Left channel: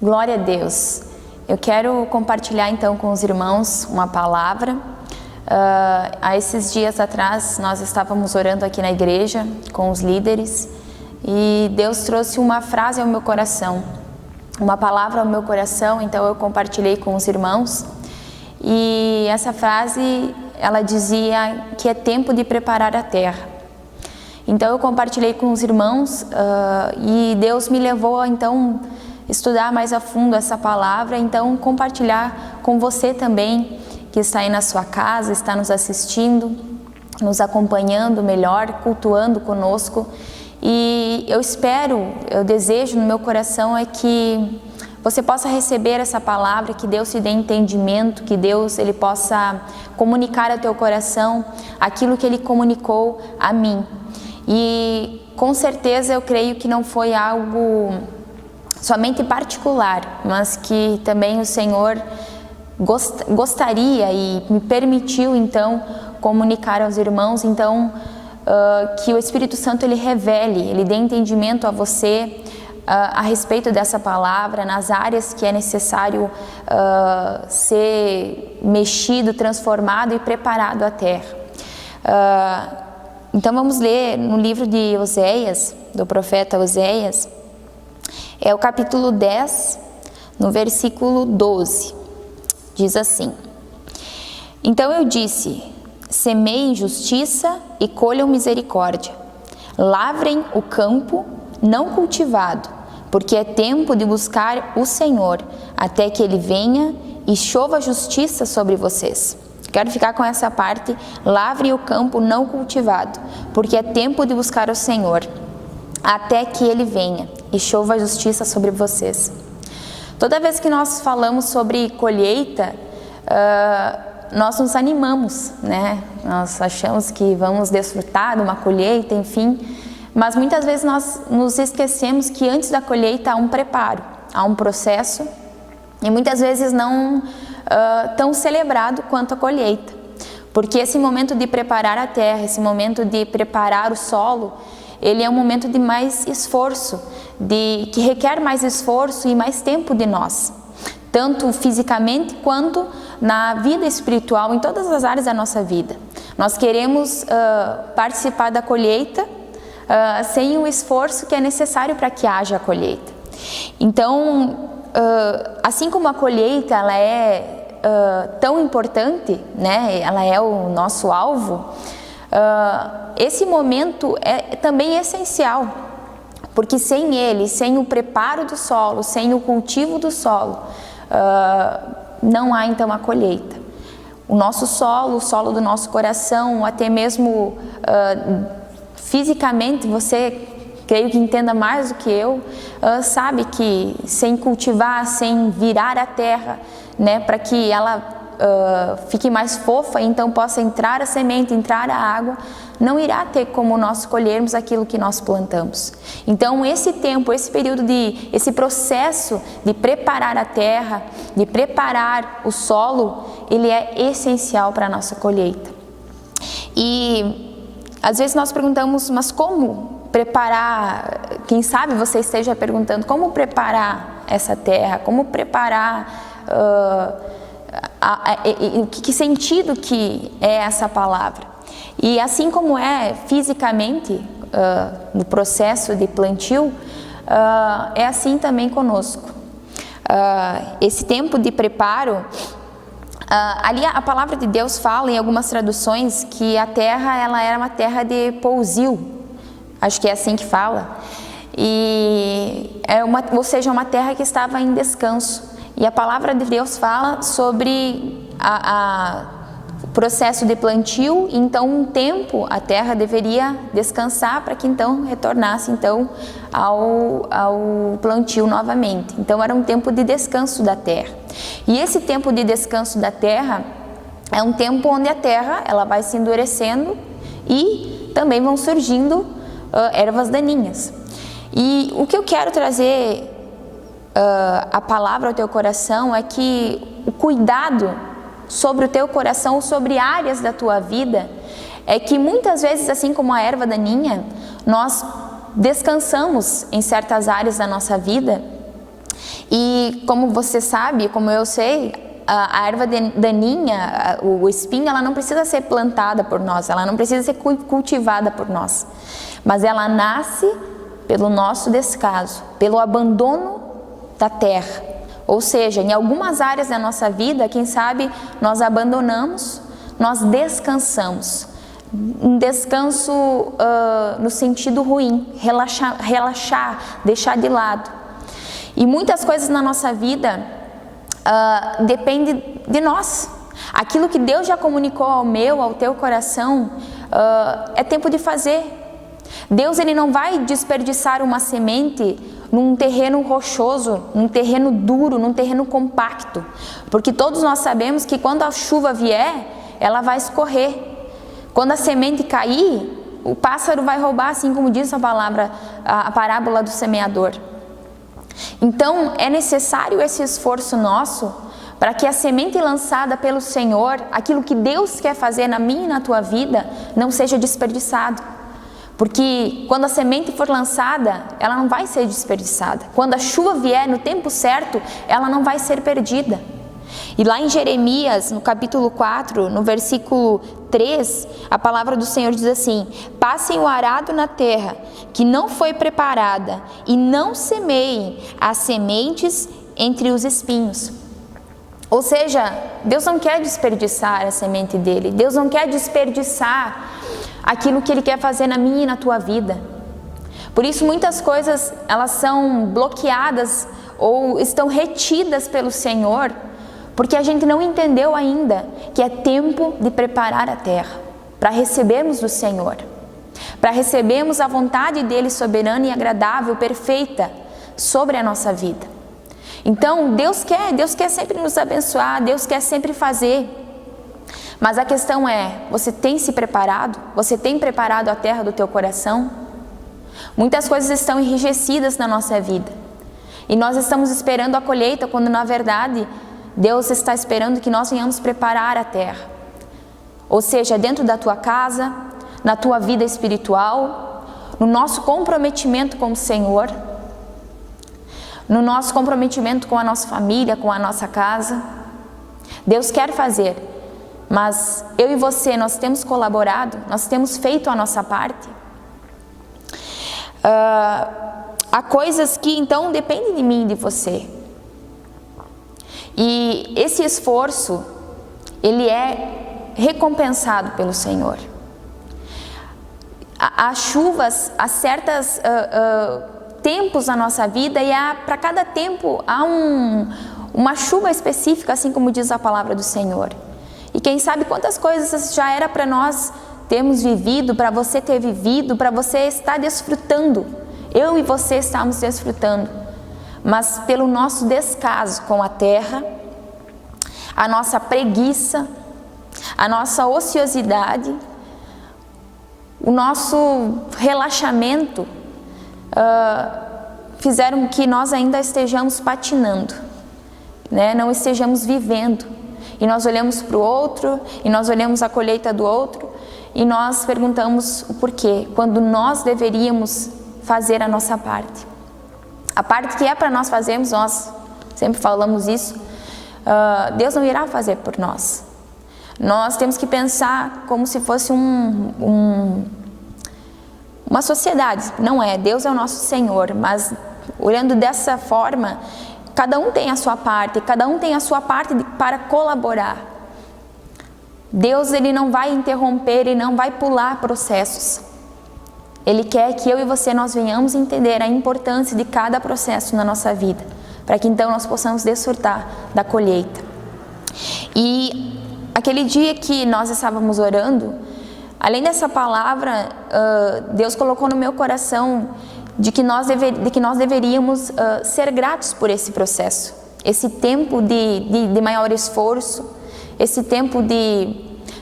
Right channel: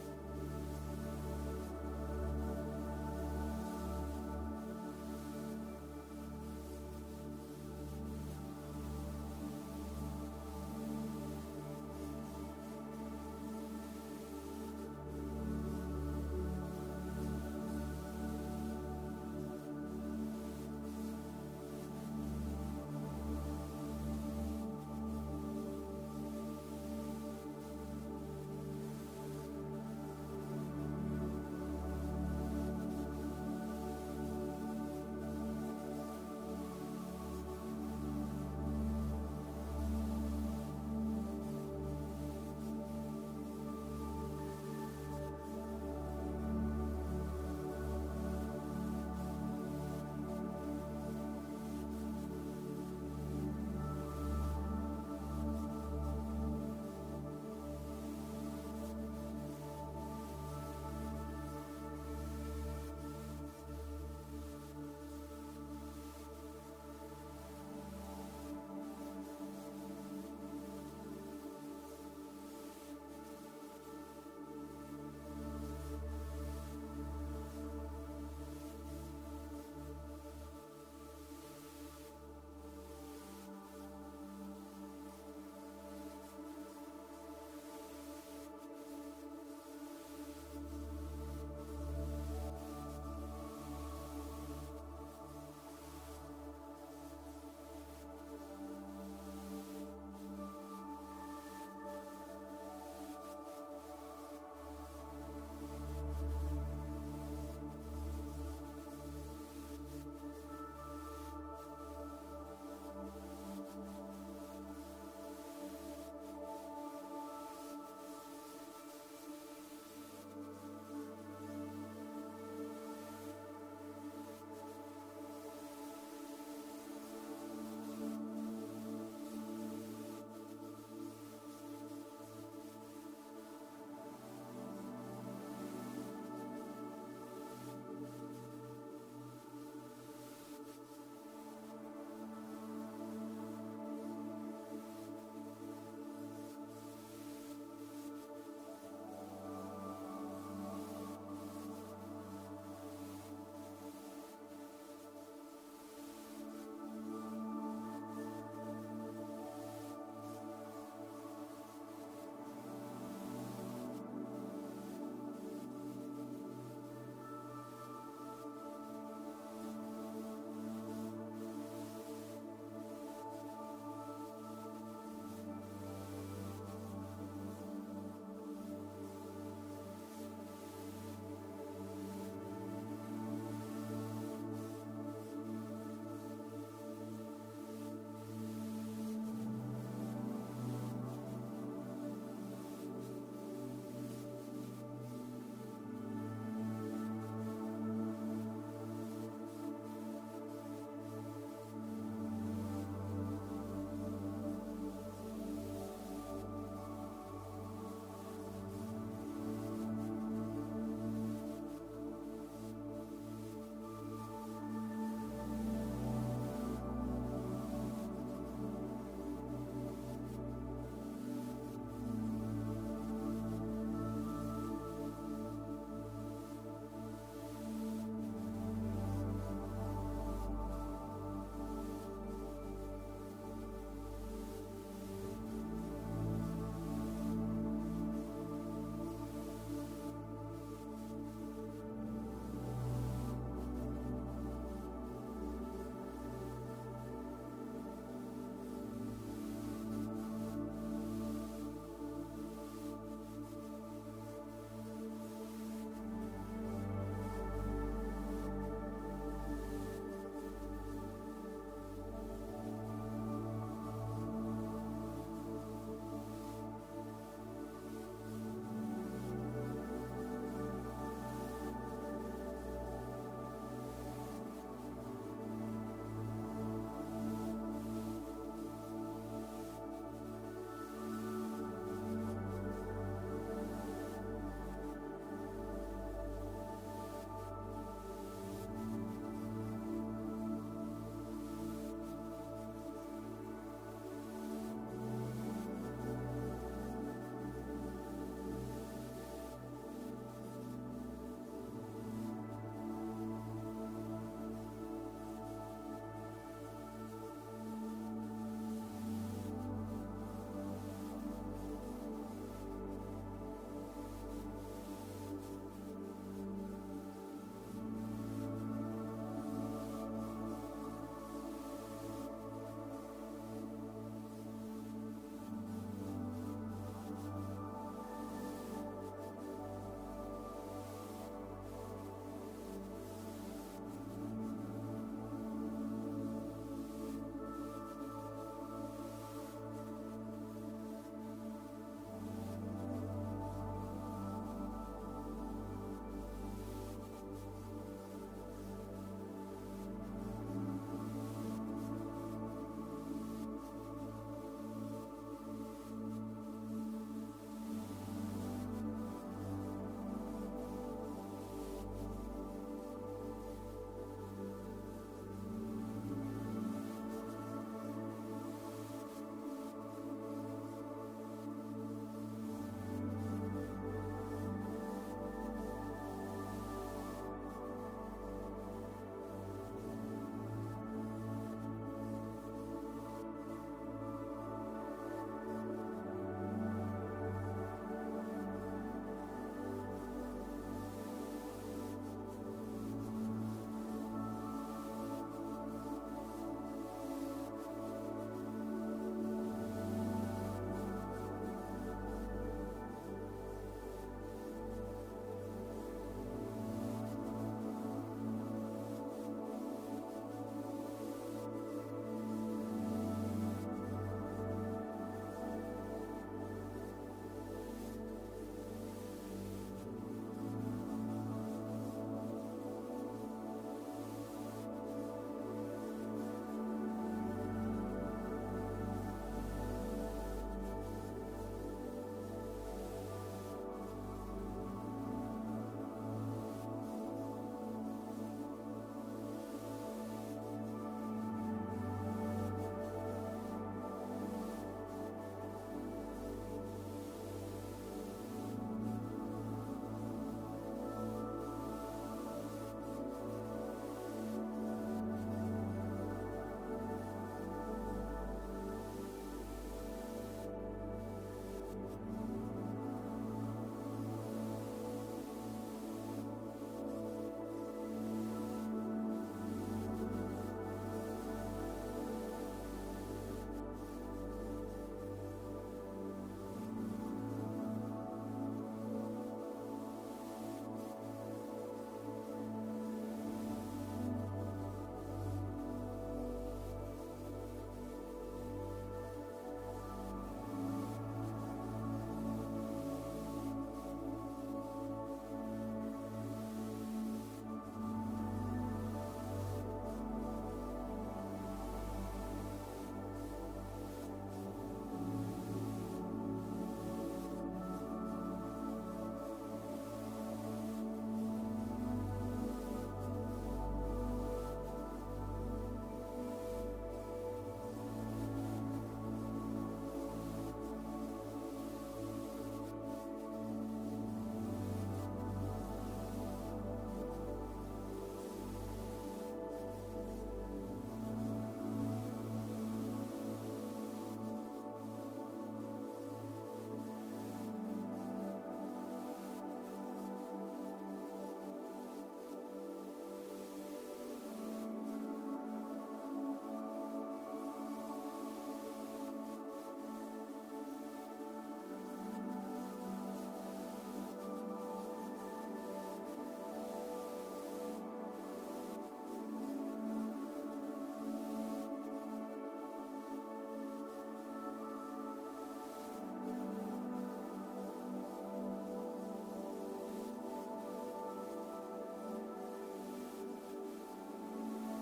Glória a Deus. Eu quero compartilhar então com os irmãos uma palavra. Há esses dias atrás nós estávamos orando aqui na igreja com os líderes e Deus trouxe uma frase ao meu coração, uma palavra ao meu coração, então eu compartilhei com os irmãos. E essa frase, ela dizia que é tempo de preparar a terra. Então eu compartilhei com os irmãos e Deus me levou a então estudar mais a fundo essa palavra, então compartilhar com você também que está aí na sua casa, está nos assistindo, nos acompanhando melhor, cultuando conosco. E eu espero, eu desejo no meu coração é que você possa receber essa palavra, que Deus te dê entendimento, que Deus ele possa comunicar ao teu coração aquilo que Ele comunicou a mim. E com certeza eu creio que não foi algo somente particular, mas que também o Senhor gostaria e me permitiu então comunicar aos irmãos, então que o Espírito Santo ele revele, ele dê entendimento a você a respeito dessa palavra, nas áreas que é necessário ser mexido, transformado e preparado a terra. Então vamos ler no livro de Oséias, do profeta Oséias, é o capítulo 10, no versículo 12, diz assim: Então eu disse, semeiem justiça e colham misericórdia, lavrem o campo não cultivado, porque é tempo de buscar o Senhor, até que Ele venha e chova justiça sobre vocês. Quero ficar com essa parte, lavre o campo não cultivado, porque é tempo de buscar o Senhor, até que Ele venha e chova a justiça sobre vocês. Toda vez que nós falamos sobre colheita, nós nos animamos, né? Nós achamos que vamos desfrutar de uma colheita, enfim, mas muitas vezes nós nos esquecemos que antes da colheita há um preparo, há um processo, e muitas vezes não tão celebrado quanto a colheita, porque esse momento de preparar a terra, esse momento de preparar o solo, ele é um momento de mais esforço, que requer mais esforço e mais tempo de nós, tanto fisicamente quanto na vida espiritual, em todas as áreas da nossa vida. Nós queremos participar da colheita sem o esforço que é necessário para que haja a colheita. Então, assim como a colheita ela é tão importante, né? Ela é o nosso alvo, esse momento é também essencial, porque sem ele, sem o preparo do solo, sem o cultivo do solo, não há então a colheita. O nosso solo, o solo do nosso coração, até mesmo fisicamente, você, creio que entenda mais do que eu, sabe que sem cultivar, sem virar a terra, né, para que ela fique mais fofa, então possa entrar a semente, entrar a água, não irá ter como nós colhermos aquilo que nós plantamos. Então esse tempo, esse período esse processo de preparar a terra, de preparar o solo, ele é essencial para a nossa colheita. E às vezes nós perguntamos, mas como preparar? Quem sabe você esteja perguntando, como preparar essa terra? Como preparar que sentido que é essa palavra? E assim como é fisicamente no processo de plantio, é assim também conosco. Esse tempo de preparo, ali a palavra de Deus fala em algumas traduções que a terra ela era uma terra de pousio, acho que é assim que fala, e ou seja, uma terra que estava em descanso. E a palavra de Deus fala sobre o processo de plantio, então um tempo a terra deveria descansar para que então retornasse então ao plantio novamente. Então era um tempo de descanso da terra. E esse tempo de descanso da terra é um tempo onde a terra ela vai se endurecendo e também vão surgindo ervas daninhas. E o que eu quero trazer a palavra ao teu coração é que o cuidado sobre o teu coração, sobre áreas da tua vida, é que muitas vezes, assim como a erva daninha, nós descansamos em certas áreas da nossa vida E como você sabe, como eu sei, a erva daninha, o espinho, ela não precisa ser plantada por nós, ela não precisa ser cultivada por nós, mas ela nasce pelo nosso descaso, pelo abandono da terra. Ou seja, em algumas áreas da nossa vida, quem sabe nós abandonamos, nós descansamos. Um descanso no sentido ruim, relaxar, deixar de lado. E muitas coisas na nossa vida dependem de nós. Aquilo que Deus já comunicou ao meu, ao teu coração, é tempo de fazer. Deus, Ele não vai desperdiçar uma semente num terreno rochoso, num terreno duro, num terreno compacto. Porque todos nós sabemos que quando a chuva vier, ela vai escorrer. Quando a semente cair, o pássaro vai roubar, assim como diz a palavra, a parábola do semeador. Então, é necessário esse esforço nosso para que a semente lançada pelo Senhor, aquilo que Deus quer fazer na minha e na tua vida, não seja desperdiçado. Porque quando a semente for lançada, ela não vai ser desperdiçada. Quando a chuva vier no tempo certo, ela não vai ser perdida. E lá em Jeremias, no capítulo 4, no versículo 3, a palavra do Senhor diz assim: passem o arado na terra que não foi preparada e não semeiem as sementes entre os espinhos. Ou seja, Deus não quer desperdiçar a semente dele, Deus não quer desperdiçar aquilo que Ele quer fazer na minha e na tua vida. Por isso muitas coisas elas são bloqueadas ou estão retidas pelo Senhor, porque a gente não entendeu ainda que é tempo de preparar a terra para recebermos do Senhor, para recebermos a vontade dEle soberana e agradável, perfeita sobre a nossa vida. Então Deus quer sempre nos abençoar, Deus quer sempre fazer. Mas a questão é, você tem se preparado? Você tem preparado a terra do teu coração? Muitas coisas estão enrijecidas na nossa vida. E nós estamos esperando a colheita, quando na verdade Deus está esperando que nós venhamos preparar a terra. Ou seja, dentro da tua casa, na tua vida espiritual, no nosso comprometimento com o Senhor, no nosso comprometimento com a nossa família, com a nossa casa. Deus quer fazer, mas eu e você, nós temos colaborado, nós temos feito a nossa parte. Há coisas que então dependem de mim e de você. E esse esforço, ele é recompensado pelo Senhor. Há chuvas, há certos tempos na nossa vida e para cada tempo há uma chuva específica, assim como diz a palavra do Senhor. E quem sabe quantas coisas já era para nós termos vivido, para você ter vivido, para você estar desfrutando. Eu e você estamos desfrutando. Mas pelo nosso descaso com a terra, a nossa preguiça, a nossa ociosidade, o nosso relaxamento, fizeram que nós ainda estejamos patinando, né? Não estejamos vivendo. E nós olhamos para o outro, e nós olhamos a colheita do outro, e nós perguntamos o porquê, quando nós deveríamos fazer a nossa parte. A parte que é para nós fazermos, nós sempre falamos isso, Deus não irá fazer por nós. Nós temos que pensar como se fosse uma sociedade. Não é, Deus é o nosso Senhor, mas olhando dessa forma, cada um tem a sua parte, cada um tem a sua parte para colaborar. Deus, Ele não vai interromper, Ele não vai pular processos. Ele quer que eu e você nós venhamos entender a importância de cada processo na nossa vida, para que então nós possamos desfrutar da colheita. E aquele dia que nós estávamos orando, além dessa palavra, Deus colocou no meu coração de que nós deveríamos ser gratos por esse processo, esse tempo de maior esforço, esse tempo de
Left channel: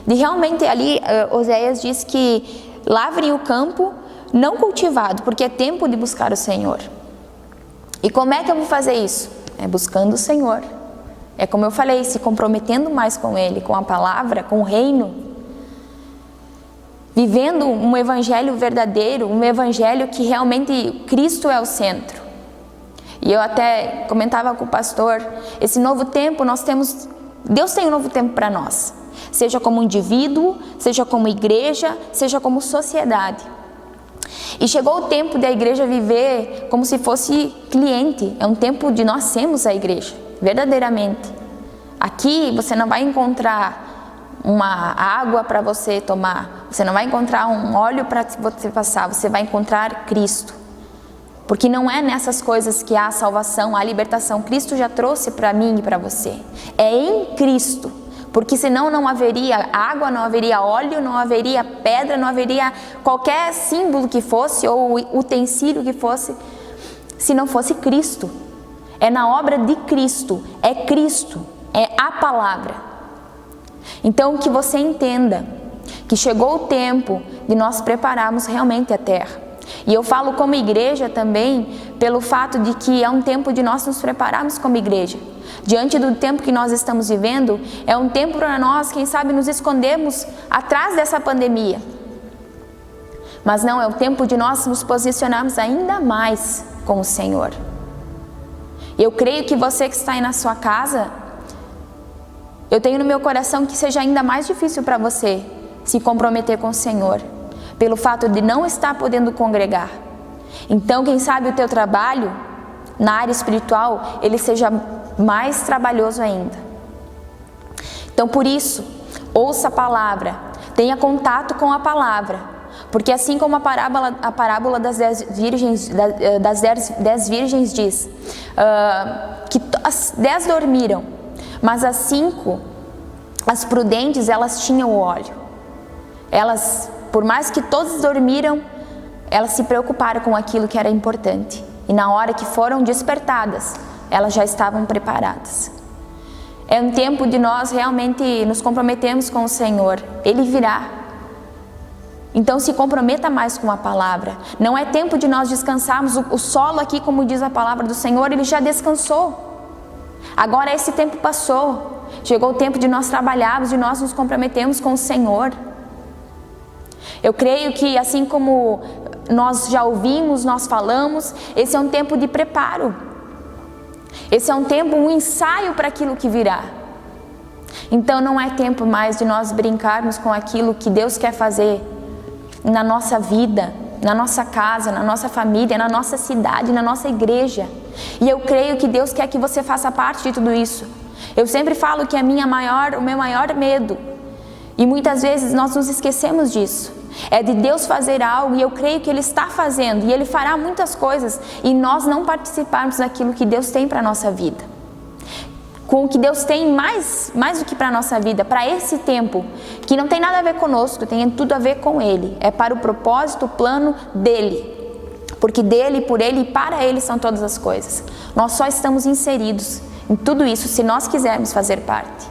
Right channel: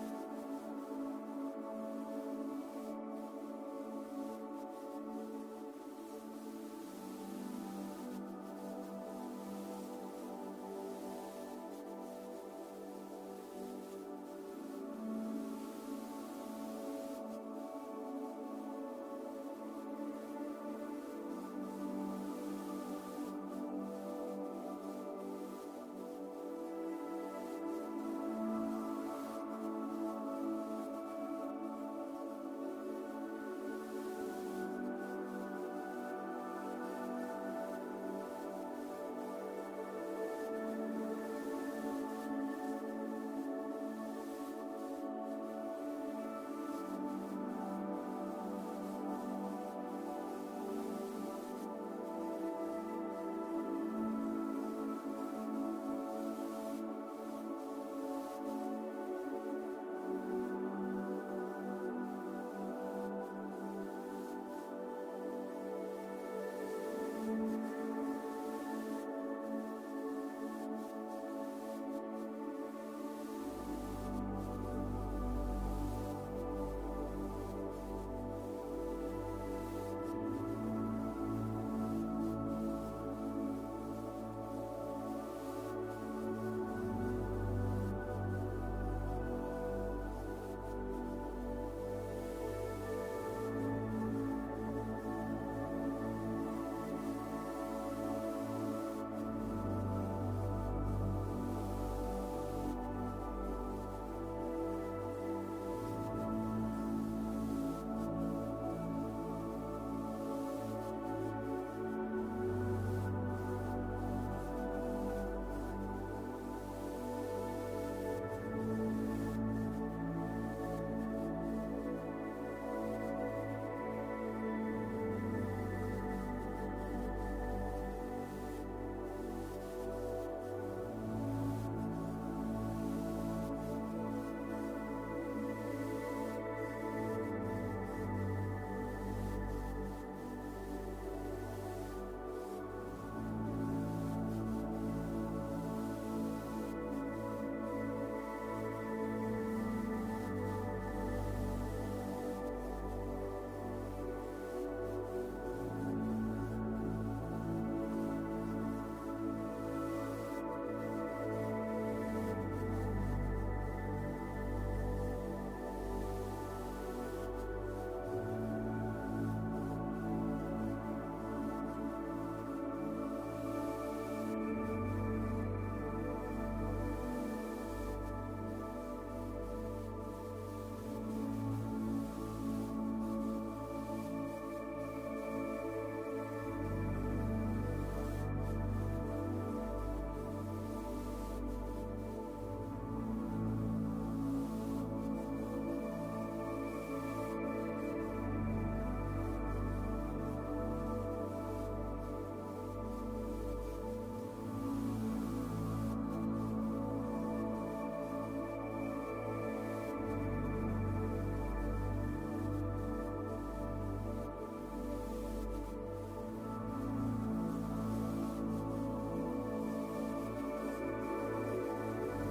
realmente ali, Oséias diz que lavrem o campo não cultivado, porque é tempo de buscar o Senhor. E como é que eu vou fazer isso? É buscando o Senhor. É como eu falei, se comprometendo mais com Ele, com a palavra, com o reino. Vivendo um evangelho verdadeiro, um evangelho que realmente Cristo é o centro. E eu até comentava com o pastor, esse novo tempo Deus tem um novo tempo para nós. Seja como indivíduo, seja como igreja, seja como sociedade. E chegou o tempo da igreja viver como se fosse cliente. É um tempo de nós sermos a igreja, verdadeiramente. Aqui você não vai encontrar uma água para você tomar, você não vai encontrar um óleo para você passar, você vai encontrar Cristo. Porque não é nessas coisas que há a salvação, a libertação. Cristo já trouxe para mim e para você. É em Cristo. Porque senão não haveria água, não haveria óleo, não haveria pedra, não haveria qualquer símbolo que fosse ou utensílio que fosse, se não fosse Cristo. É na obra de Cristo, é Cristo, é a palavra. Então que você entenda que chegou o tempo de nós prepararmos realmente a terra. E eu falo como igreja também pelo fato de que é um tempo de nós nos prepararmos como igreja. Diante do tempo que nós estamos vivendo, é um tempo para nós, quem sabe, nos escondermos atrás dessa pandemia. Mas não, é o tempo de nós nos posicionarmos ainda mais com o Senhor. Eu creio que você que está aí na sua casa, eu tenho no meu coração que seja ainda mais difícil para você se comprometer com o Senhor, pelo fato de não estar podendo congregar. Então, quem sabe o teu trabalho na área espiritual, ele seja mais trabalhoso ainda. Então, por isso, ouça a palavra, tenha contato com a palavra, porque assim como a parábola das 10 virgens diz, que as 10 dormiram, mas as 5, as prudentes, elas tinham o óleo. Elas, por mais que todos dormiram, elas se preocuparam com aquilo que era importante. E na hora que foram despertadas, elas já estavam preparadas. É um tempo de nós realmente nos comprometermos com o Senhor. Ele virá. Então se comprometa mais com a palavra. Não é tempo de nós descansarmos. O solo aqui, como diz a palavra do Senhor, ele já descansou. Agora esse tempo passou. Chegou o tempo de nós trabalharmos, de nós nos comprometermos com o Senhor. Eu creio que assim como nós já ouvimos, nós falamos, esse é um tempo de preparo. Esse é um tempo, um ensaio para aquilo que virá. Então não é tempo mais de nós brincarmos com aquilo que Deus quer fazer na nossa vida, na nossa casa, na nossa família, na nossa cidade, na nossa igreja. E eu creio que Deus quer que você faça parte de tudo isso. Eu sempre falo que o meu maior medo, e muitas vezes nós nos esquecemos disso, é de Deus fazer algo, e eu creio que Ele está fazendo, e Ele fará muitas coisas, e nós não participarmos daquilo que Deus tem para a nossa vida. Com o que Deus tem mais do que para a nossa vida, para esse tempo, que não tem nada a ver conosco, tem tudo a ver com Ele. É para o propósito, o plano dEle. Porque dEle, por Ele e para Ele são todas as coisas. Nós só estamos inseridos em tudo isso se nós quisermos fazer parte.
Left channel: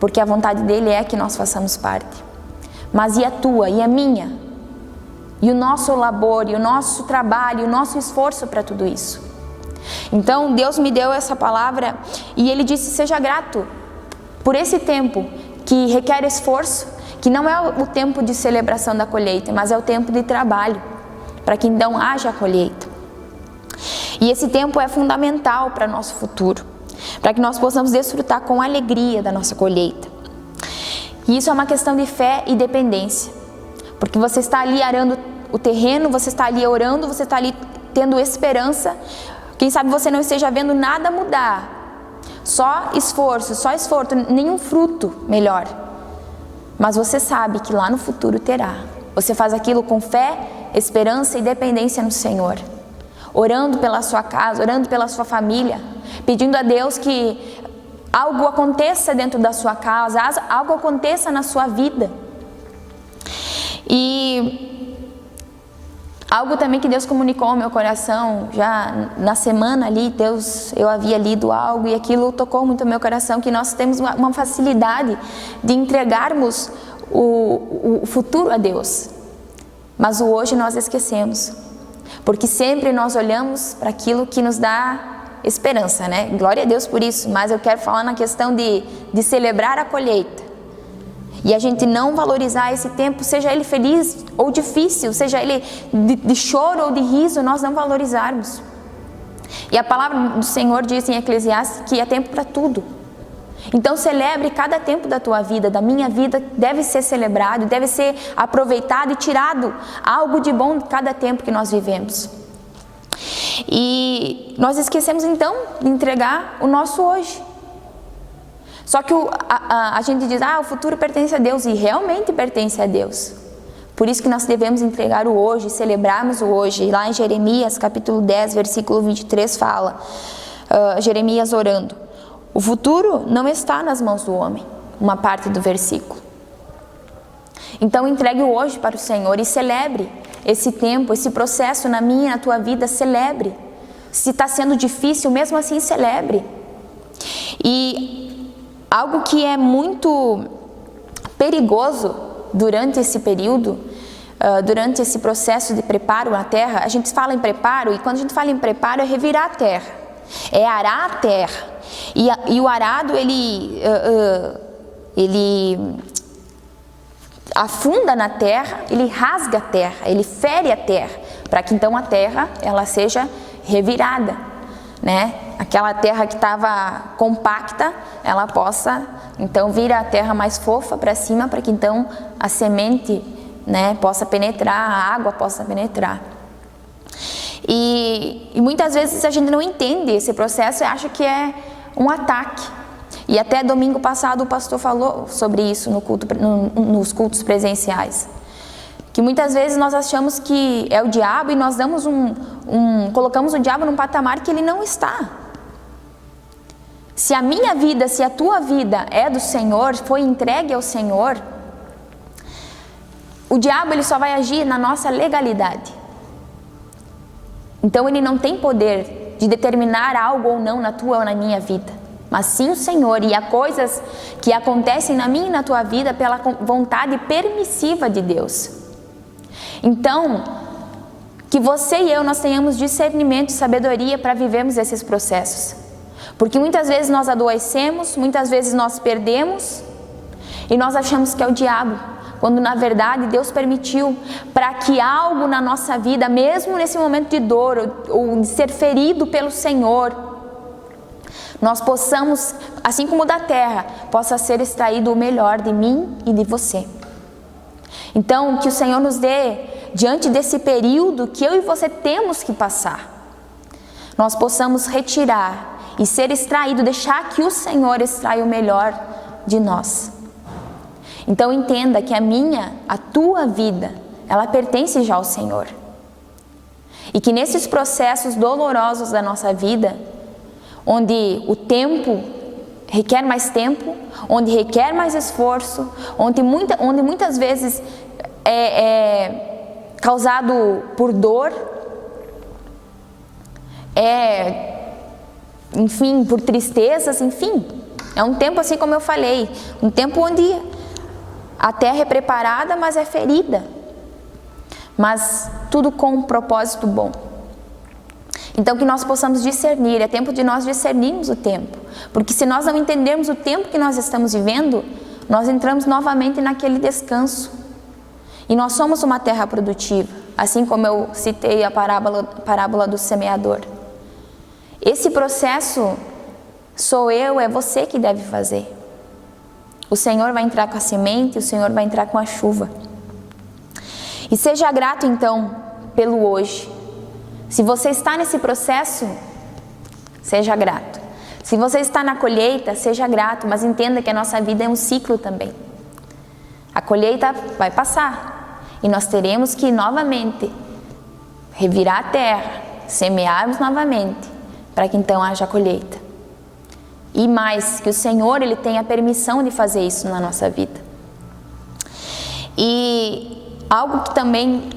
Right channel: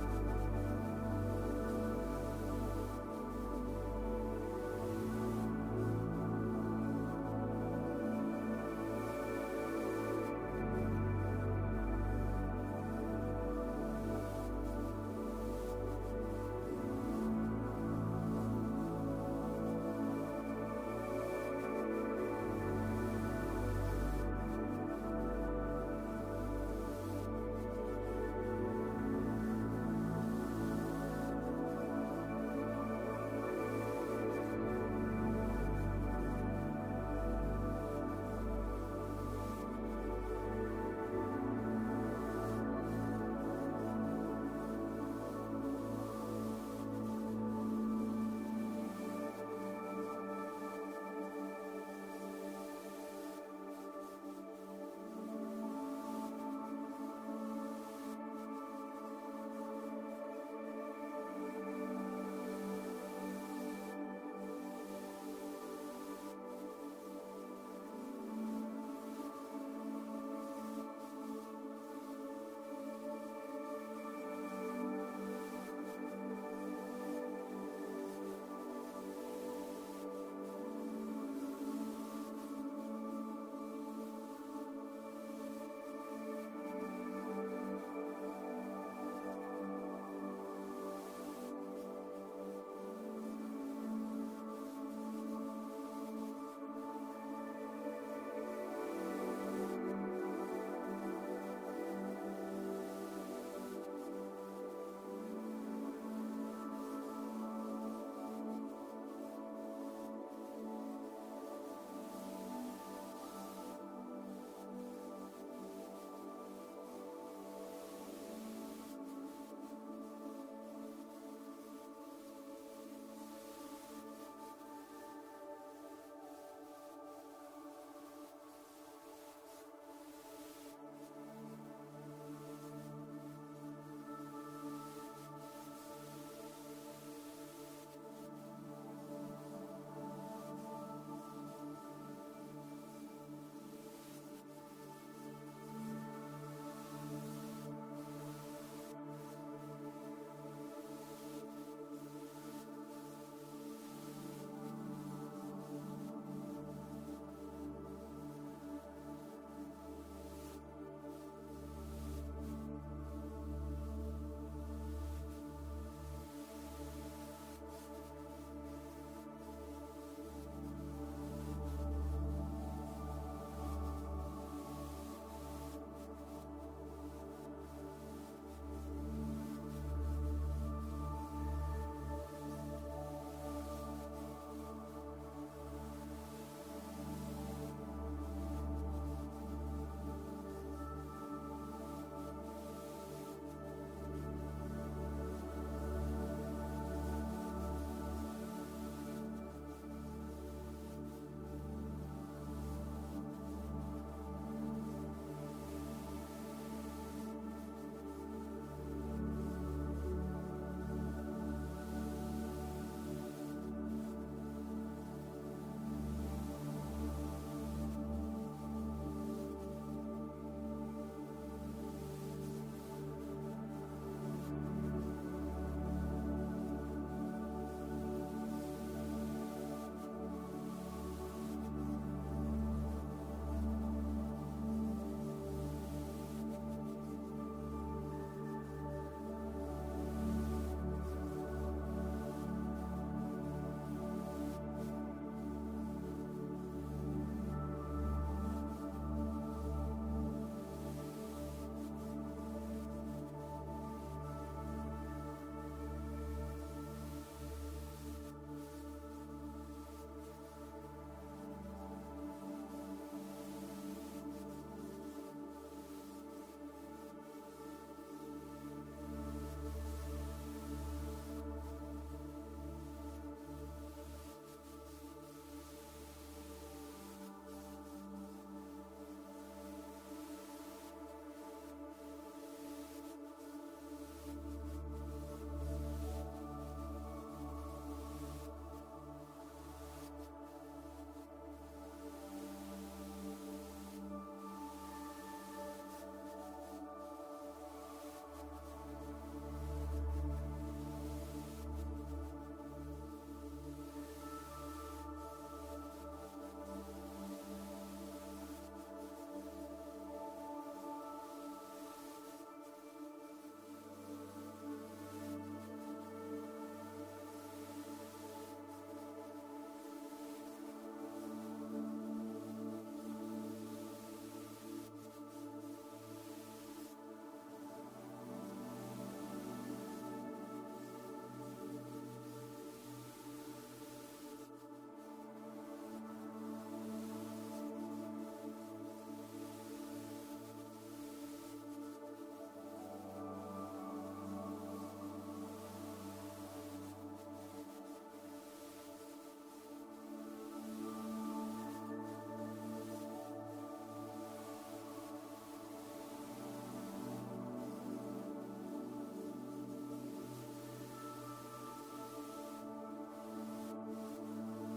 Porque a vontade dEle é que nós façamos parte. Mas e a tua, e a minha? E o nosso labor, e o nosso trabalho, e o nosso esforço para tudo isso? Então Deus me deu essa palavra e Ele disse: seja grato por esse tempo que requer esforço, que não é o tempo de celebração da colheita, mas é o tempo de trabalho, para que então haja a colheita. E esse tempo é fundamental para nosso futuro, para que nós possamos desfrutar com alegria da nossa colheita. E isso é uma questão de fé e dependência, porque você está ali arando o terreno, você está ali orando, você está ali tendo esperança. Quem sabe você não esteja vendo nada mudar, só esforço, nenhum fruto melhor. Mas você sabe que lá no futuro terá. Você faz aquilo com fé, esperança e dependência no Senhor. Orando pela sua casa, orando pela sua família, pedindo a Deus que algo aconteça dentro da sua casa, algo aconteça na sua vida. E algo também que Deus comunicou ao meu coração, já na semana ali, eu havia lido algo e aquilo tocou muito o meu coração, que nós temos uma facilidade de entregarmos o futuro a Deus. Mas o hoje nós esquecemos, porque sempre nós olhamos para aquilo que nos dá esperança, né? Glória a Deus por isso, mas eu quero falar na questão de celebrar a colheita. E a gente não valorizar esse tempo, seja ele feliz ou difícil, seja ele de choro ou de riso, nós não valorizarmos. E a palavra do Senhor diz em Eclesiastes que é tempo para tudo. Então celebre cada tempo da tua vida, da minha vida, deve ser celebrado, deve ser aproveitado e tirado algo de bom de cada tempo que nós vivemos. E nós esquecemos então de entregar o nosso hoje. Só que a gente diz, o futuro pertence a Deus, e realmente pertence a Deus. Por isso que nós devemos entregar o hoje, celebrarmos o hoje. Lá em Jeremias capítulo 10, versículo 23 fala, Jeremias orando, o futuro não está nas mãos do homem, uma parte do versículo. Então entregue o hoje para o Senhor e celebre esse tempo, esse processo na minha e na tua vida, celebre. Se está sendo difícil, mesmo assim celebre. E algo que é muito perigoso durante esse período, durante esse processo de preparo na terra, a gente fala em preparo, e quando a gente fala em preparo é revirar a terra, é arar a terra. E o arado, ele afunda na terra, ele rasga a terra, ele fere a terra, para que então a terra ela seja revirada, né? Aquela terra que estava compacta, ela possa então vir a terra mais fofa para cima, para que então a semente, né, possa penetrar, a água possa penetrar. E muitas vezes a gente não entende esse processo e acha que é um ataque. E até domingo passado o pastor falou sobre isso nos cultos presenciais. Que muitas vezes nós achamos que é o diabo e nós damos colocamos o diabo num patamar que ele não está. Se a minha vida, se a tua vida é do Senhor, foi entregue ao Senhor, o diabo ele só vai agir na nossa legalidade. Então ele não tem poder de determinar algo ou não na tua ou na minha vida, mas sim o Senhor, e há coisas que acontecem na minha e na tua vida pela vontade permissiva de Deus. Então, que você e eu, nós tenhamos discernimento e sabedoria para vivermos esses processos. Porque muitas vezes nós adoecemos, muitas vezes nós perdemos, e nós achamos que é o diabo, quando na verdade Deus permitiu para que algo na nossa vida, mesmo nesse momento de dor, ou de ser ferido pelo Senhor, nós possamos, assim como da terra, possa ser extraído o melhor de mim e de você. Então, que o Senhor nos dê, diante desse período que eu e você temos que passar, nós possamos retirar e ser extraído, deixar que o Senhor extraia o melhor de nós. Então entenda que a tua vida, ela pertence já ao Senhor. E que nesses processos dolorosos da nossa vida, onde o tempo requer mais tempo, onde requer mais esforço, onde muitas vezes é causado por dor, enfim, por tristezas, enfim. É um tempo, assim como eu falei, um tempo onde a terra é preparada, mas é ferida. Mas tudo com um propósito bom. Então que nós possamos discernir, é tempo de nós discernirmos o tempo. Porque se nós não entendermos o tempo que nós estamos vivendo, nós entramos novamente naquele descanso. E nós somos uma terra produtiva, assim como eu citei a parábola do semeador. Esse processo sou eu, é você que deve fazer. O Senhor vai entrar com a semente, o Senhor vai entrar com a chuva. E seja grato então pelo hoje. Se você está nesse processo, seja grato. Se você está na colheita, seja grato, mas entenda que a nossa vida é um ciclo também. A colheita vai passar e nós teremos que novamente revirar a terra, semearmos novamente, para que então haja colheita. E mais, que o Senhor ele tem a permissão de fazer isso na nossa vida. E algo que também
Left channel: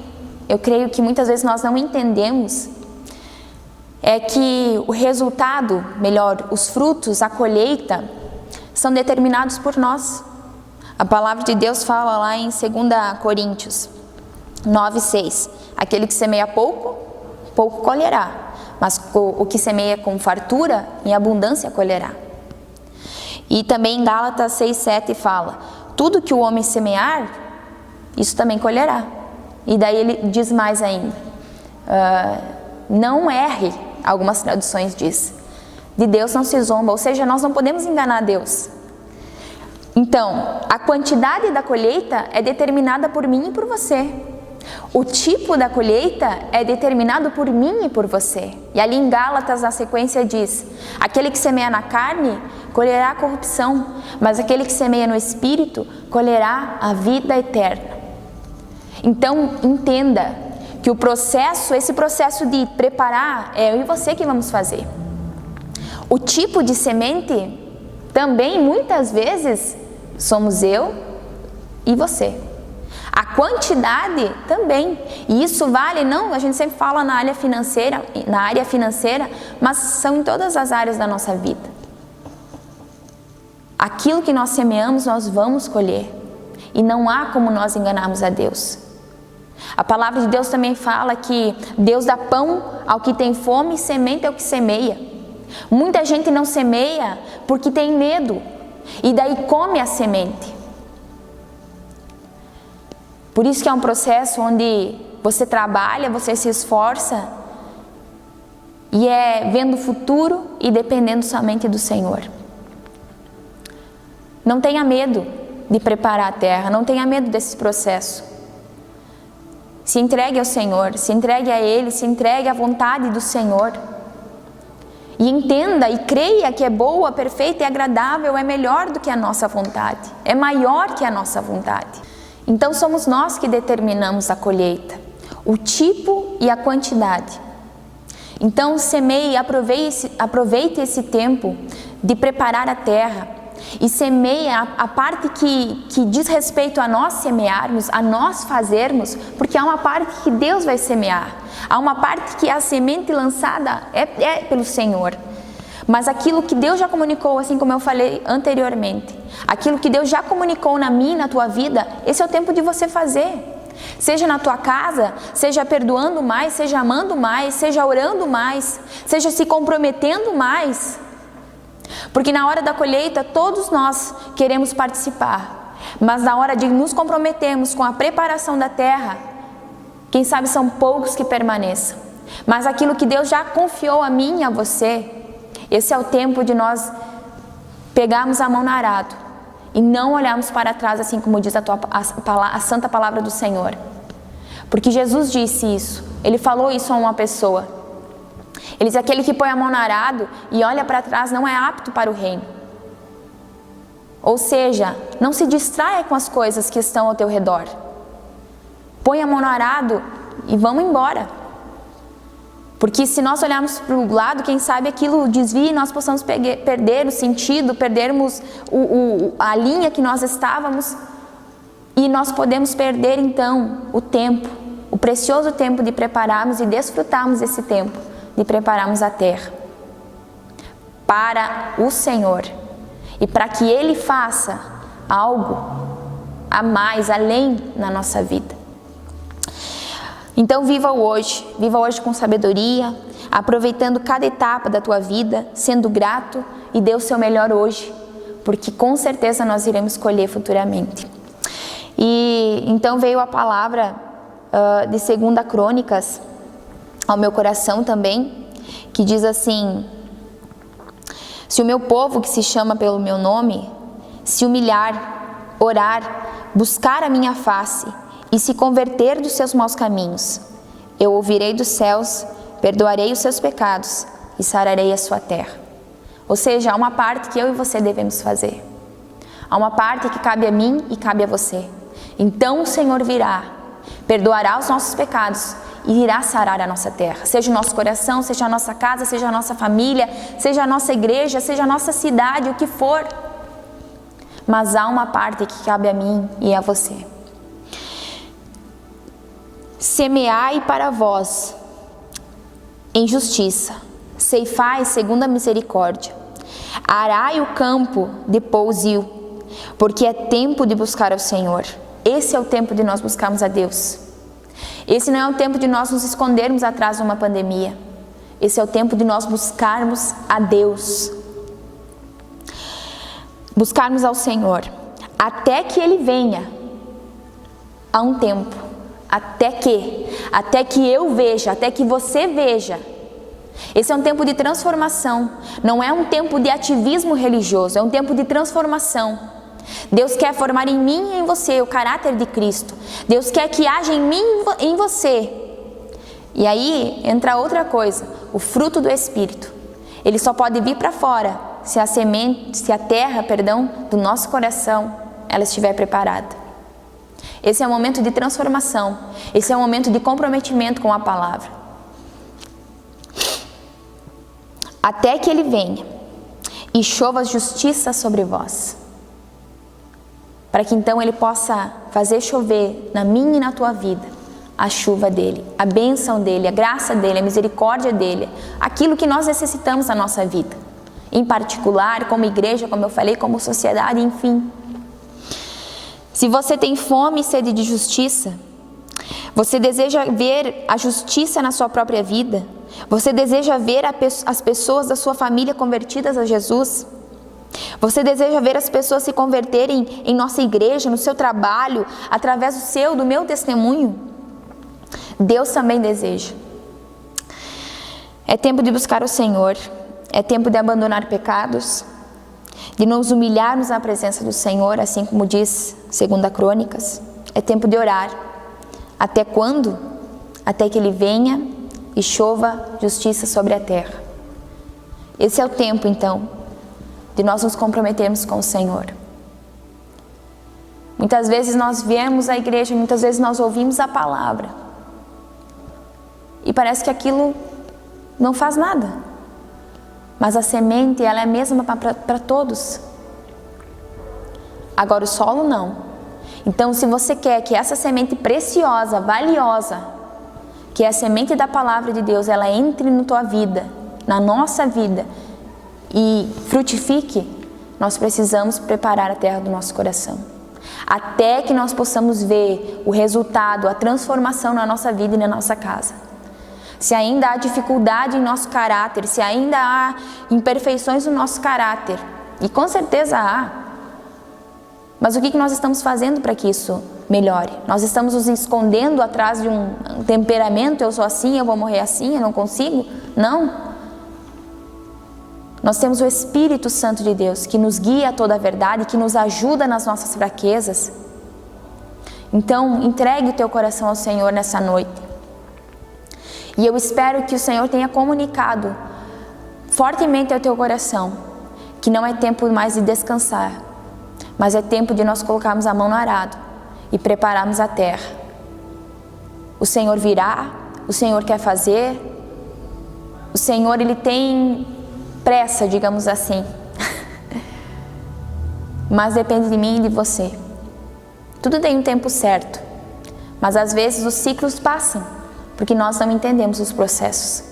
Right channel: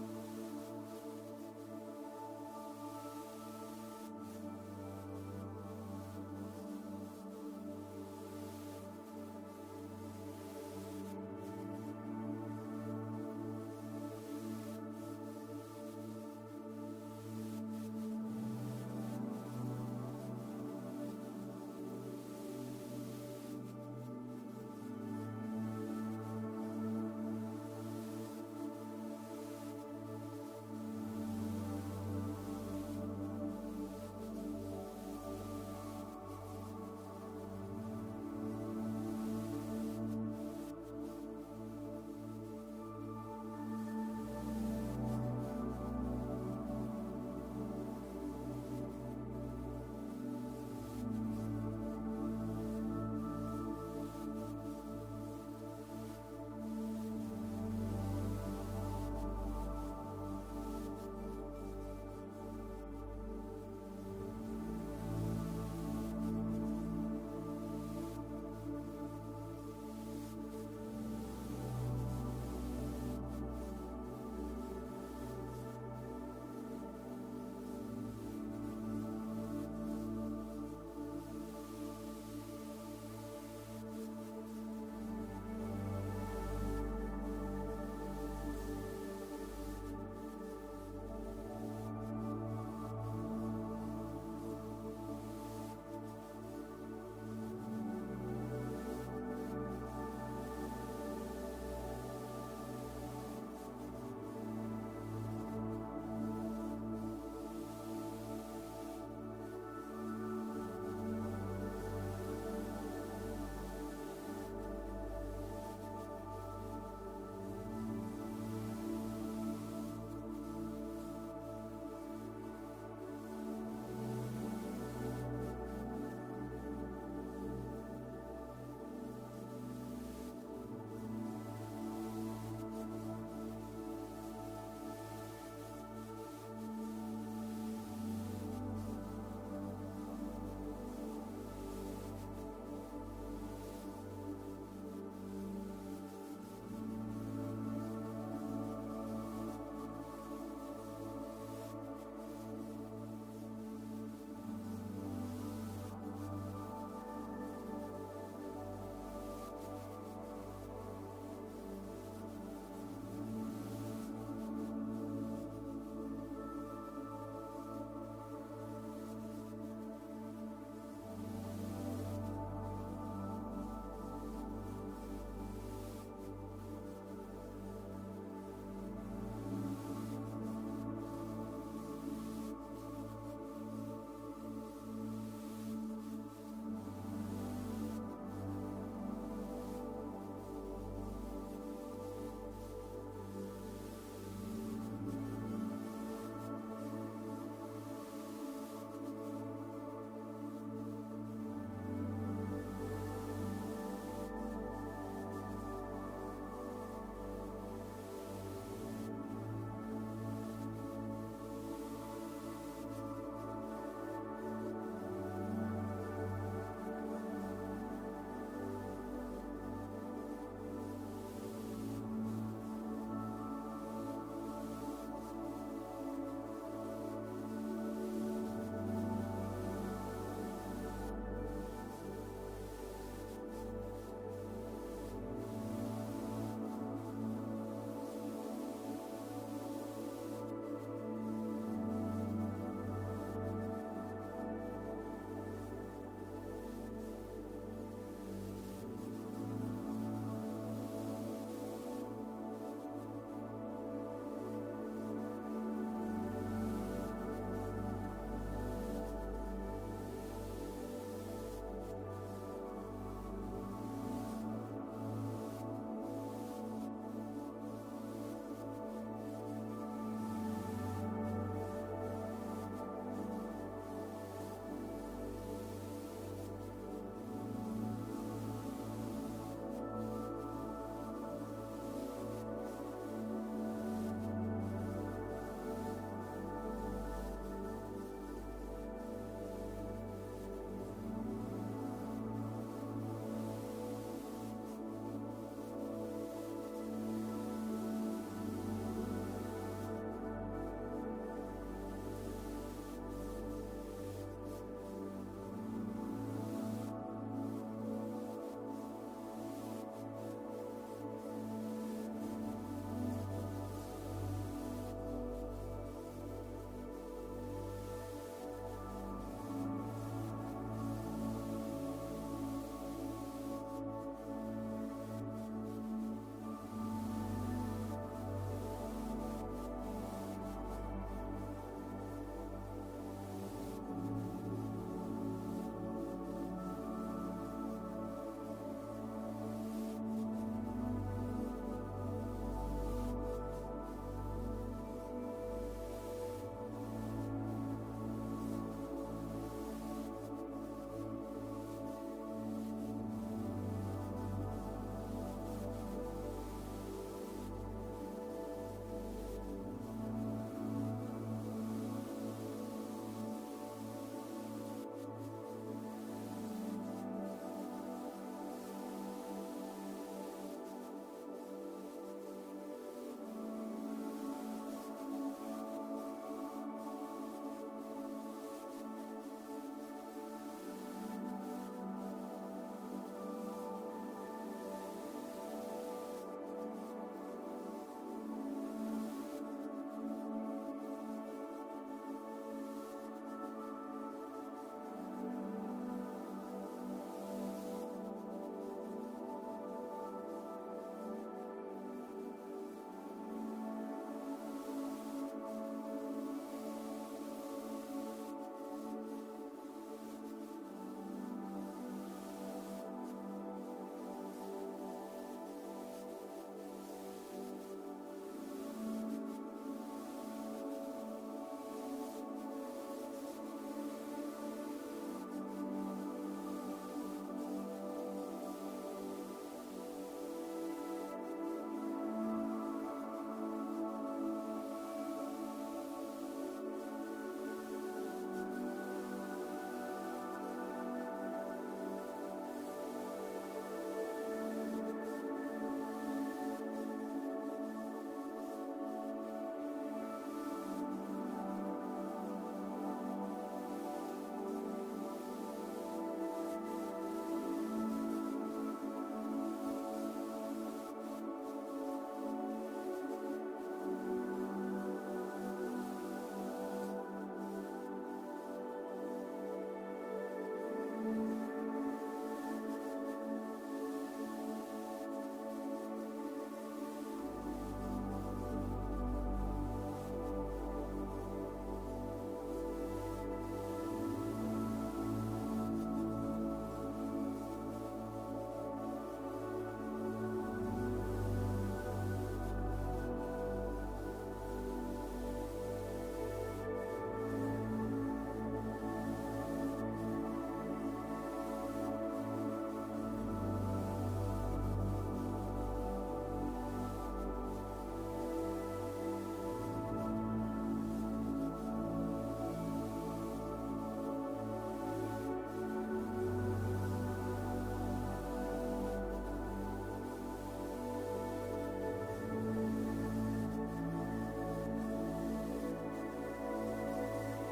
eu creio que muitas vezes nós não entendemos é que o resultado, melhor, os frutos, a colheita, são determinados por nós. A palavra de Deus fala lá em 2 Coríntios 9:6, aquele que semeia pouco, pouco colherá, mas o que semeia com fartura, em abundância colherá. E também em Gálatas 6:7 fala, tudo que o homem semear, isso também colherá. E daí ele diz mais ainda, não erre algumas traduções diz. De Deus não se zomba, ou seja, nós não podemos enganar Deus. Então, a quantidade da colheita é determinada por mim e por você. O tipo da colheita é determinado por mim e por você. E ali em Gálatas, na sequência diz: aquele que semeia na carne, colherá a corrupção, mas aquele que semeia no Espírito, colherá a vida eterna. Então, entenda que esse processo de preparar, é eu e você que vamos fazer. O tipo de semente, também, muitas vezes, somos eu e você. A quantidade também, e isso vale, não, a gente sempre fala na área financeira, mas são em todas as áreas da nossa vida. Aquilo que nós semeamos, nós vamos colher, e não há como nós enganarmos a Deus. A palavra de Deus também fala que Deus dá pão ao que tem fome e semente ao que semeia. Muita gente não semeia porque tem medo, e daí come a semente. Por isso que é um processo onde você trabalha, você se esforça e é vendo o futuro e dependendo somente do Senhor. Não tenha medo de preparar a terra, não tenha medo desse processo. Se entregue ao Senhor, se entregue a Ele, se entregue à vontade do Senhor. E entenda e creia que é boa, perfeita e agradável, é melhor do que a nossa vontade, é maior que a nossa vontade. Então somos nós que determinamos a colheita, o tipo e a quantidade. Então semeie, aproveite esse tempo de preparar a terra e semeie a parte que diz respeito a nós semearmos, a nós fazermos, porque há uma parte que Deus vai semear, há uma parte que a semente lançada é pelo Senhor. Mas aquilo que Deus já comunicou, assim como eu falei anteriormente, aquilo que Deus já comunicou na minha e na tua vida, esse é o tempo de você fazer. Seja na tua casa, seja perdoando mais, seja amando mais, seja orando mais, seja se comprometendo mais. Porque na hora da colheita, todos nós queremos participar. Mas na hora de nos comprometermos com a preparação da terra, quem sabe são poucos que permaneçam. Mas aquilo que Deus já confiou a mim e a você, esse é o tempo de nós pegarmos a mão no arado e não olharmos para trás, assim como diz a santa palavra do Senhor. Porque Jesus disse isso, Ele falou isso a uma pessoa. Ele diz: aquele que põe a mão no arado e olha para trás não é apto para o reino. Ou seja, não se distraia com as coisas que estão ao teu redor. Põe a mão no arado e vamos embora. Porque se nós olharmos para o lado, quem sabe aquilo desvia e nós possamos perder o sentido, perdermos a linha que nós estávamos, e nós podemos perder então o tempo, o precioso tempo de prepararmos e desfrutarmos esse tempo, de prepararmos a terra para o Senhor e para que Ele faça algo a mais, além na nossa vida. Então viva hoje com sabedoria, aproveitando cada etapa da tua vida, sendo grato e dê o seu melhor hoje, porque com certeza nós iremos colher futuramente. E então veio a palavra de 2 Crônicas ao meu coração também, que diz assim: se o meu povo que se chama pelo meu nome se humilhar, orar, buscar a minha face e se converter dos seus maus caminhos, eu ouvirei dos céus, perdoarei os seus pecados e sararei a sua terra. Ou seja, há uma parte que eu e você devemos fazer. Há uma parte que cabe a mim e cabe a você. Então o Senhor virá, perdoará os nossos pecados e irá sarar a nossa terra. Seja o nosso coração, seja a nossa casa, seja a nossa família, seja a nossa igreja, seja a nossa cidade, o que for. Mas há uma parte que cabe a mim e a você. Semeai para vós em justiça, ceifai segundo a misericórdia, arai o campo de pousio, porque é tempo de buscar ao Senhor. Esse é o tempo de nós buscarmos a Deus. Esse não é o tempo de nós nos escondermos atrás de uma pandemia. Esse é o tempo de nós buscarmos a Deus. Buscarmos ao Senhor, até que Ele venha. Há um tempo. Até que eu veja, até que você veja Esse é um tempo de transformação, não é um tempo de ativismo religioso, é um tempo de transformação. Deus quer formar em mim e em você o caráter de Cristo. Deus quer que haja em mim e em você. E aí entra outra coisa, o fruto do Espírito. Ele só pode vir para fora se a terra do nosso coração, ela estiver preparada. Esse é um momento de transformação, esse é um momento de comprometimento com a palavra. Até que Ele venha e chova justiça sobre vós. Para que então Ele possa fazer chover na minha e na tua vida a chuva dEle, a bênção dEle, a graça dEle, a misericórdia dEle, aquilo que nós necessitamos na nossa vida, em particular, como igreja, como eu falei, como sociedade, enfim. Se você tem fome e sede de justiça, você deseja ver a justiça na sua própria vida, você deseja ver as pessoas da sua família convertidas a Jesus, você deseja ver as pessoas se converterem em nossa igreja, no seu trabalho, através do meu testemunho? Deus também deseja. É tempo de buscar o Senhor, é tempo de abandonar pecados, de nos humilharmos na presença do Senhor, assim como diz 2 Crônicas. É tempo de orar. Até quando? Até que Ele venha e chova justiça sobre a terra. Esse é o tempo, então, de nós nos comprometermos com o Senhor. Muitas vezes nós viemos à igreja, muitas vezes nós ouvimos a palavra e parece que aquilo não faz nada. Mas a semente, ela é a mesma para todos. Agora o solo não. Então, se você quer que essa semente preciosa, valiosa, que é a semente da palavra de Deus, ela entre na tua vida, na nossa vida e frutifique, nós precisamos preparar a terra do nosso coração. Até que nós possamos ver o resultado, a transformação na nossa vida e na nossa casa. Se ainda há dificuldade em nosso caráter, se ainda há imperfeições no nosso caráter, e com certeza há, mas o que nós estamos fazendo para que isso melhore? Nós estamos nos escondendo atrás de um temperamento, eu sou assim, eu vou morrer assim, eu não consigo? Não. Nós temos o Espírito Santo de Deus, que nos guia a toda a verdade, que nos ajuda nas nossas fraquezas. Então, entregue o teu coração ao Senhor nessa noite. E eu espero que o Senhor tenha comunicado fortemente ao teu coração que não é tempo mais de descansar, mas é tempo de nós colocarmos a mão no arado e prepararmos a terra. O Senhor virá, o Senhor quer fazer, o Senhor, Ele tem pressa, digamos assim, mas depende de mim e de você. Tudo tem um tempo certo, mas às vezes os ciclos passam, porque nós não entendemos os processos.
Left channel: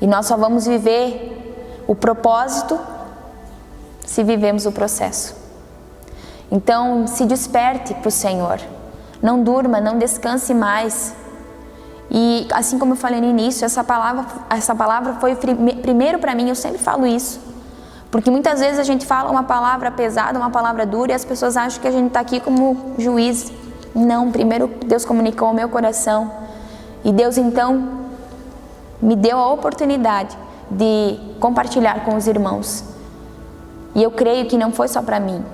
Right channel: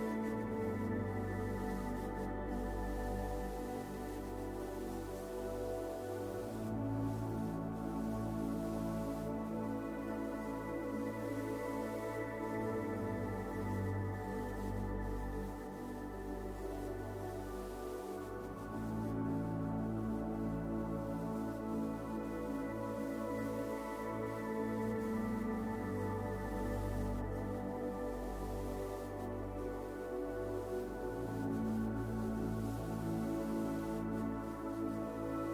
E nós só vamos viver o propósito se vivemos o processo. Então, se desperte para o Senhor. Não durma, não descanse mais. E assim como eu falei no início, essa palavra foi primeiro para mim, eu sempre falo isso. Porque muitas vezes a gente fala uma palavra pesada, uma palavra dura, e as pessoas acham que a gente está aqui como juiz. Não, primeiro Deus comunicou ao meu coração. E Deus então me deu a oportunidade de compartilhar com os irmãos. E eu creio que não foi só para mim,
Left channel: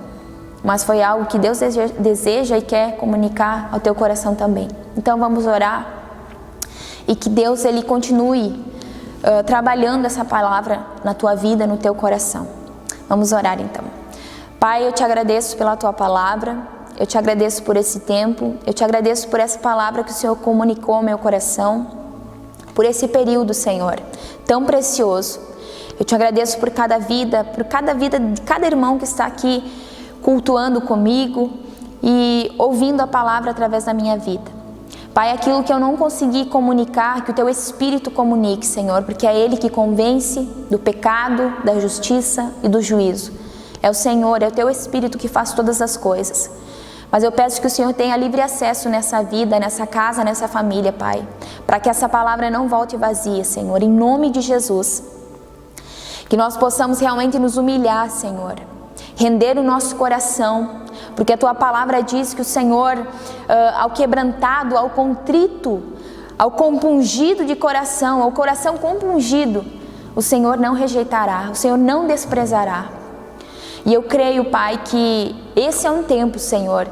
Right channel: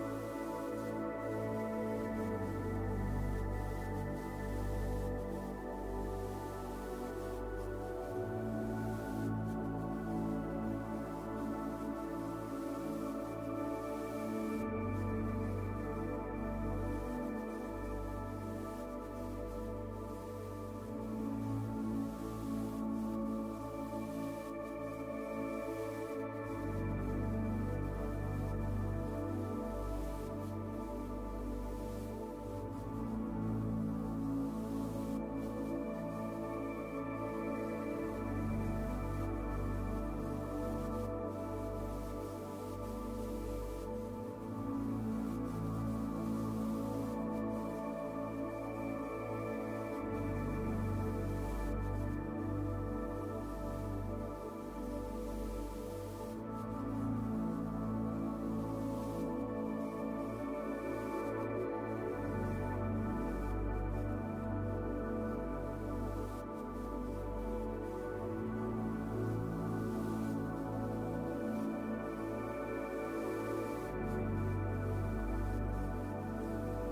mas foi algo que Deus deseja e quer comunicar ao teu coração também. Então vamos orar e que Deus Ele continue trabalhando essa palavra na tua vida, no teu coração. Vamos orar então. Pai, eu te agradeço pela tua palavra. Eu te agradeço por esse tempo, eu te agradeço por essa palavra que o Senhor comunicou ao meu coração, por esse período, Senhor, tão precioso. Eu te agradeço por cada vida de cada irmão que está aqui cultuando comigo e ouvindo a palavra através da minha vida. Pai, aquilo que eu não consegui comunicar, que o Teu Espírito comunique, Senhor, porque é Ele que convence do pecado, da justiça e do juízo. É o Senhor, é o Teu Espírito que faz todas as coisas. Mas eu peço que o Senhor tenha livre acesso nessa vida, nessa casa, nessa família, Pai, para que essa palavra não volte vazia, Senhor, em nome de Jesus. Que nós possamos realmente nos humilhar, Senhor, render o nosso coração, porque a Tua palavra diz que o Senhor, ao quebrantado, ao contrito, ao compungido de coração, ao coração compungido, o Senhor não rejeitará, o Senhor não desprezará. E eu creio, Pai, que esse é um tempo, Senhor,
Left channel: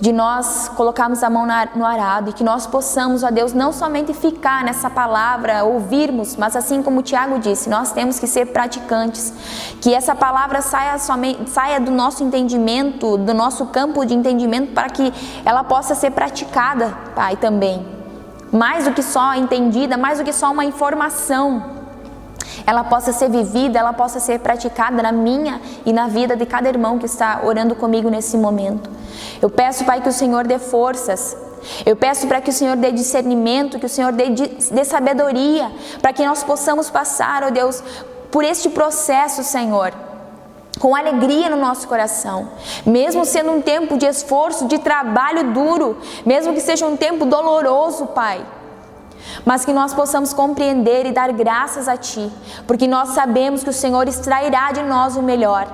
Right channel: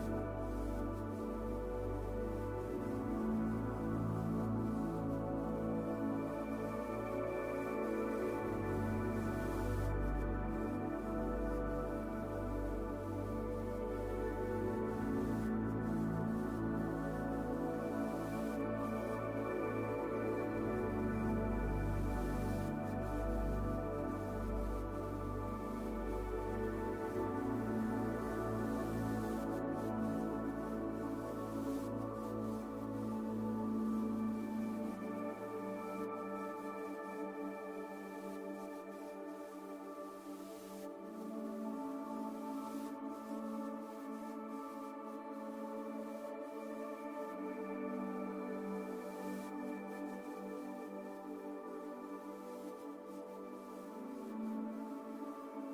de nós colocarmos a mão no arado e que nós possamos, ó Deus, não somente ficar nessa palavra, ouvirmos, mas assim como o Tiago disse, nós temos que ser praticantes, que essa palavra saia do nosso entendimento, do nosso campo de entendimento, para que ela possa ser praticada, Pai, também. Mais do que só entendida, mais do que só uma informação, ela possa ser vivida, ela possa ser praticada na minha e na vida de cada irmão que está orando comigo nesse momento. Eu peço, Pai, que o Senhor dê forças, eu peço para que o Senhor dê discernimento, que o Senhor dê sabedoria, para que nós possamos passar, ó Deus, por este processo, Senhor, com alegria no nosso coração, mesmo sendo um tempo de esforço, de trabalho duro, mesmo que seja um tempo doloroso, Pai, mas que nós possamos compreender e dar graças a Ti, porque nós sabemos que o Senhor extrairá de nós o melhor,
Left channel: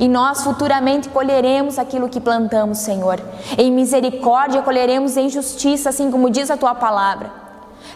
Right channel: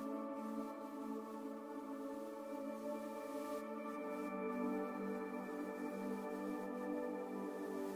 e nós futuramente colheremos aquilo que plantamos, Senhor. Em misericórdia colheremos em justiça, assim como diz a Tua palavra.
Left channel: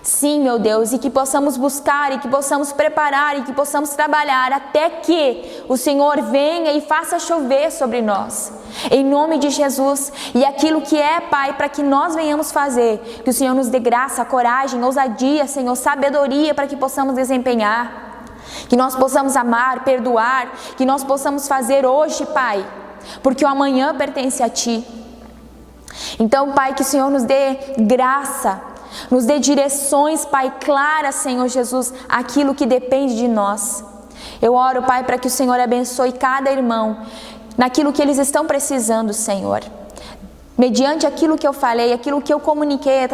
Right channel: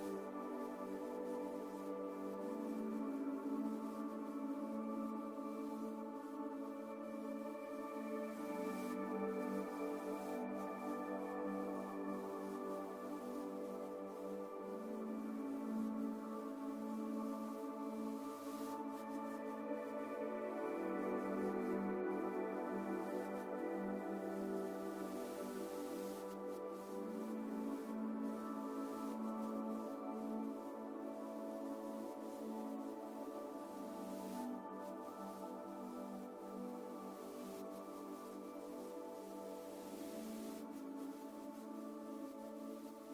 Sim, meu Deus, e que possamos buscar, e que possamos preparar, e que possamos trabalhar até que o Senhor venha e faça chover sobre nós, em nome de Jesus. E aquilo que é, Pai, para que nós venhamos fazer, que o Senhor nos dê graça, coragem, ousadia, Senhor, sabedoria para que possamos desempenhar, que nós possamos amar, perdoar, que nós possamos fazer hoje, Pai, porque o amanhã pertence a Ti. Então, Pai, que o Senhor nos dê graça, nos dê direções, Pai, claras, Senhor Jesus, aquilo que depende de nós. Eu oro, Pai, para que o Senhor abençoe cada irmão naquilo que eles estão precisando, Senhor. Mediante aquilo que eu falei, aquilo que eu comuniquei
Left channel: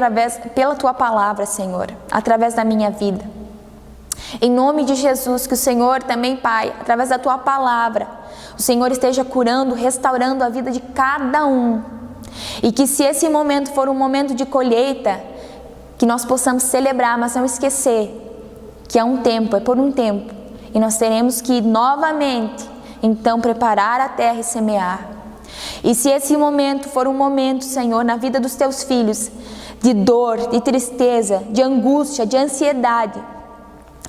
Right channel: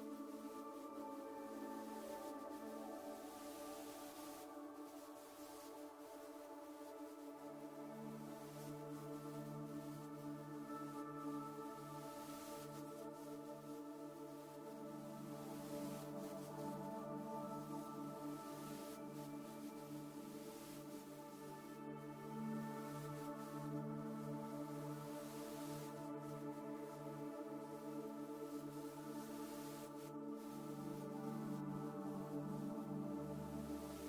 pela Tua palavra, Senhor, através da minha vida. Em nome de Jesus, que o Senhor também, Pai, através da Tua palavra, o Senhor esteja curando, restaurando a vida de cada um. E que se esse momento for um momento de colheita, que nós possamos celebrar, mas não esquecer que é um tempo, é por um tempo, e nós teremos que novamente, então, preparar a terra e semear. E se esse momento for um momento, Senhor, na vida dos Teus filhos, de dor, de tristeza, de angústia, de ansiedade,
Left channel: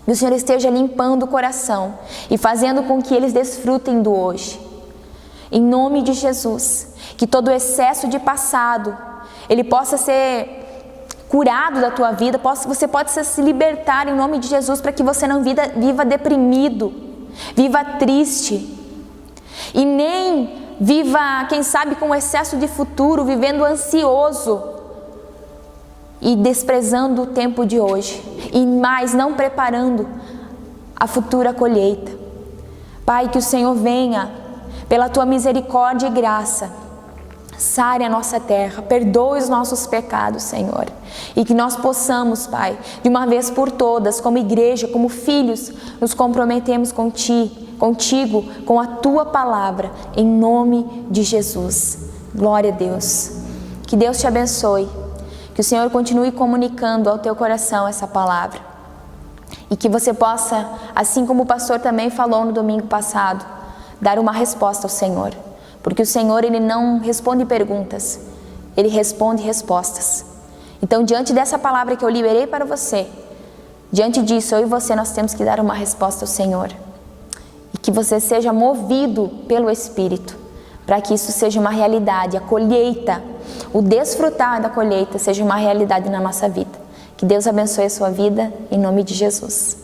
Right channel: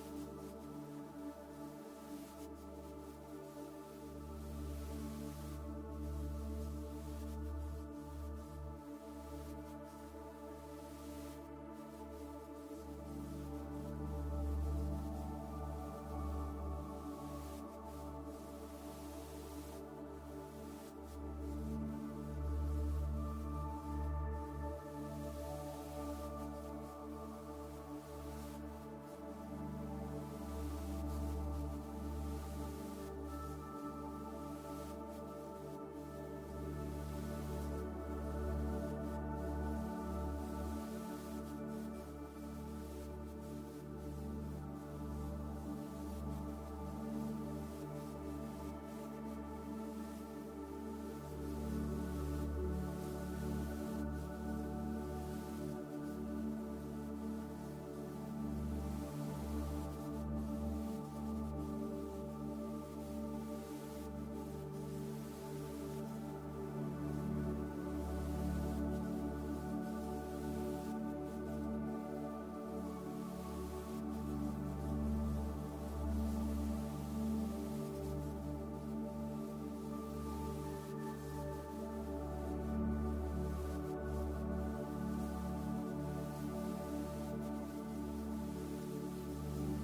que o Senhor esteja limpando o coração e fazendo com que eles desfrutem do hoje. Em nome de Jesus, que todo o excesso de passado, ele possa ser curado da tua vida, você pode se libertar em nome de Jesus, para que você não viva deprimido, viva triste, e nem viva, quem sabe, com excesso de futuro, vivendo ansioso e desprezando o tempo de hoje, e mais não preparando a futura colheita. Pai, que o Senhor venha, pela Tua misericórdia e graça, sare a nossa terra, perdoe os nossos pecados, Senhor, e que nós possamos, Pai, de uma vez por todas, como igreja, como filhos, nos comprometemos contigo, com a Tua palavra, em nome de Jesus. Glória a Deus. Que Deus te abençoe, que o Senhor continue comunicando ao teu coração essa palavra, e que você possa, assim como o pastor também falou no domingo passado, dar uma resposta ao Senhor. Porque o Senhor, Ele não responde perguntas, Ele responde respostas. Então, diante dessa palavra que eu liberei para você, diante disso, eu e você, nós temos que dar uma resposta ao Senhor. E que você seja movido pelo Espírito, para que isso seja uma realidade, a colheita, o desfrutar da colheita seja uma realidade na nossa vida. Que Deus abençoe a sua vida, em nome de Jesus.